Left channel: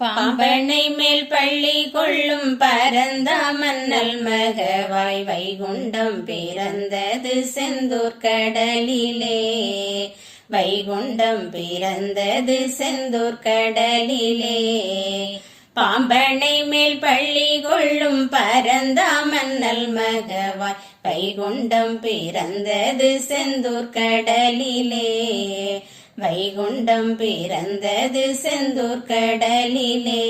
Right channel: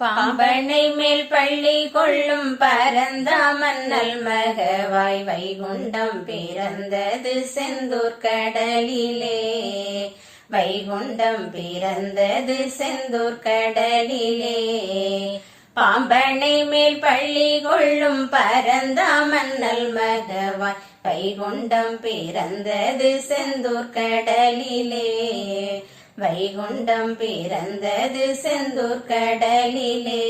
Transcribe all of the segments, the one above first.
பாம்பனை மேல் பள்ளி கொள்ளும் பரந்தாமன்னல் மகவாய் வைகுண்டம் பிறந்தது செந்தூர் கடலிலே. வைகுண்டம் பிறந்தது செந்தூர் கடலிலே. பாம்பனை மேல் பள்ளி கொள்ளும் பரந்தாமன்னல் மகவாய் வைகுண்டம் பிறந்தது செந்தூர் கடலிலே. வைகுண்டம் பிறந்தது செந்தூர் கடலிலே.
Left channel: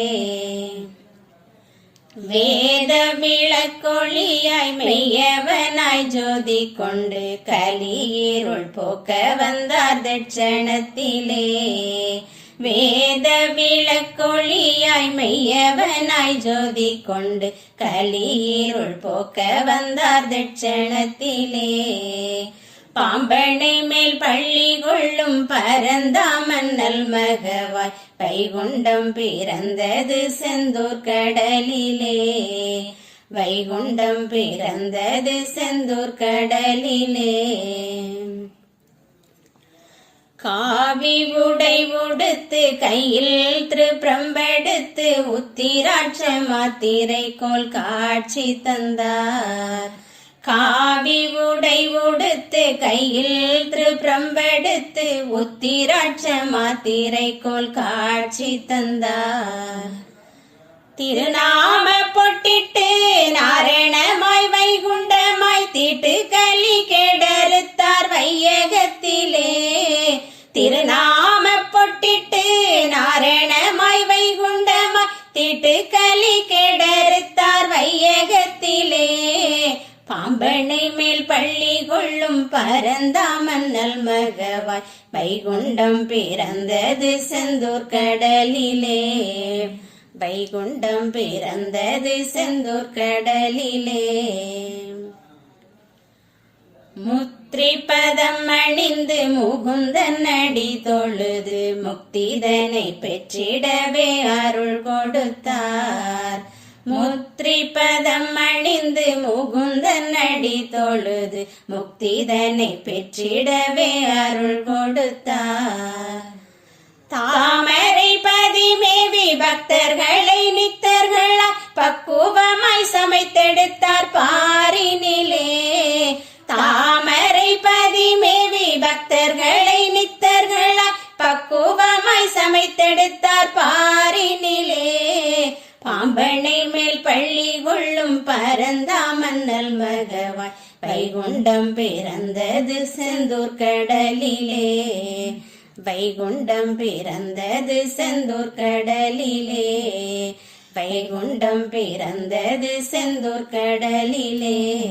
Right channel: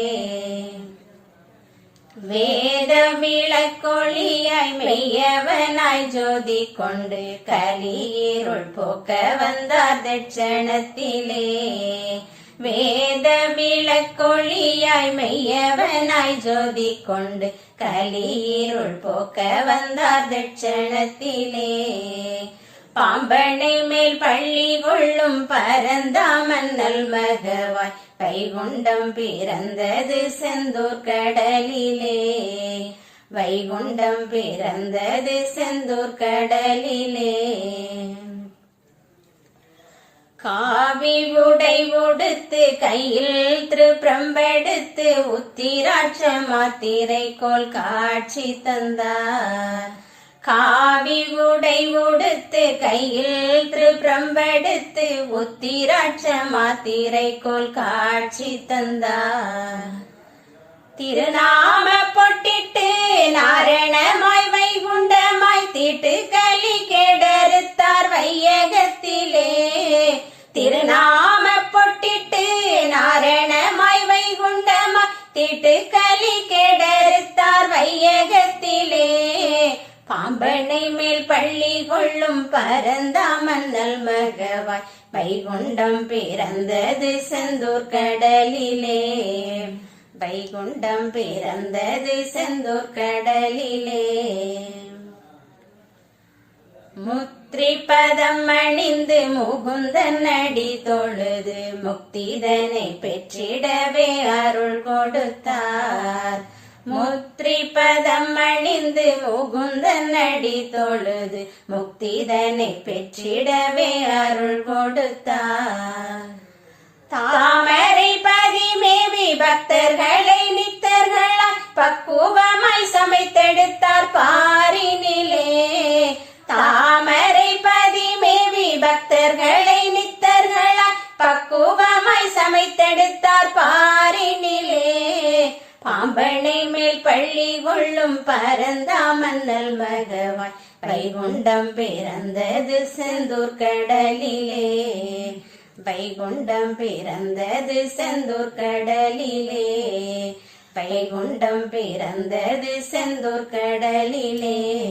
வேத விளக்கொளியாய் மெய்யவனாய் ஜோதி கொண்டு கலியிருள் போக்க வந்தார் தட்சணத்திலே. வேத விளக்கொளியாய் மெய்யவனாய் ஜோதி கொண்டு கலியிருள் போக்க வந்தார் தட்சணத்திலே. பாம்பனை மேல் பள்ளி கொள்ளும் பரந்தாமன்னல் மகவாய் வைகுண்டம் பிறந்தது செந்தூர் கடலிலே. வைகுண்டம் பிறந்தது செந்தூர் கடலிலே. காவி உடை உடுத்து கையில் திருப்பிரம்பெடுத்து உத்திராட்ச மாத்திரை கோல் காட்சி தந்தார். காவி உடை உடுத்து கையில் திருப்பிரம்பெடுத்து உத்திராட்ச மாத்திரை கோல் காட்சி தந்தார். திருநாம பொட்டிட்டு நாரணமாய் வைகுண்டமாய் தீட்டு களி கெடறுத்தார் வையகத்திலே. திருநாம பொட்டிட்டு நாரணமாய் வைகுண்டமாய் தீட்டு களி கெடறுத்தார் வையகத்திலே. பாம்பனை மேல் பள்ளி கொள்ளும் பரந்தாமன்னல் மகவாய் வைகுண்டம் பிறந்தது செந்தூர் கடலிலே. வைகுண்டம் பிறந்தது செந்தூர் கடலிலே. முத்திரிபதம் அணிந்து முகுந்தன் அடி தொழுது முக்திதனை பெற்றிடவே அருள் கொடுத்தார். முத்திரிபதம் அணிந்து முகுந்தன் அடி தொழுது முக்திதனை பெற்றிடவே அருள் கொடுத்தார். தாமரை பதிமேவி பக்தர்களை நித்தர்களாய் பக்குவமாய் சமைத்தெடுத்தார் பாரினிலே. தாமரை பதிமேவி பக்தர்களை நித்தர்களாய் பக்குவமாய் சமைத்தெடுத்தார் பாரினிலே. பாம்பனை மேல் பள்ளி கொள்ளும் பரந்தாமன்னல் மகவாய் வைகுண்டம் பிறந்தது செந்தூர் கடலிலே. வைகுண்டம் பிறந்தது செந்தூர் கடலிலே. வைகுண்டம் பிறந்தது செந்தூர் கடலிலே.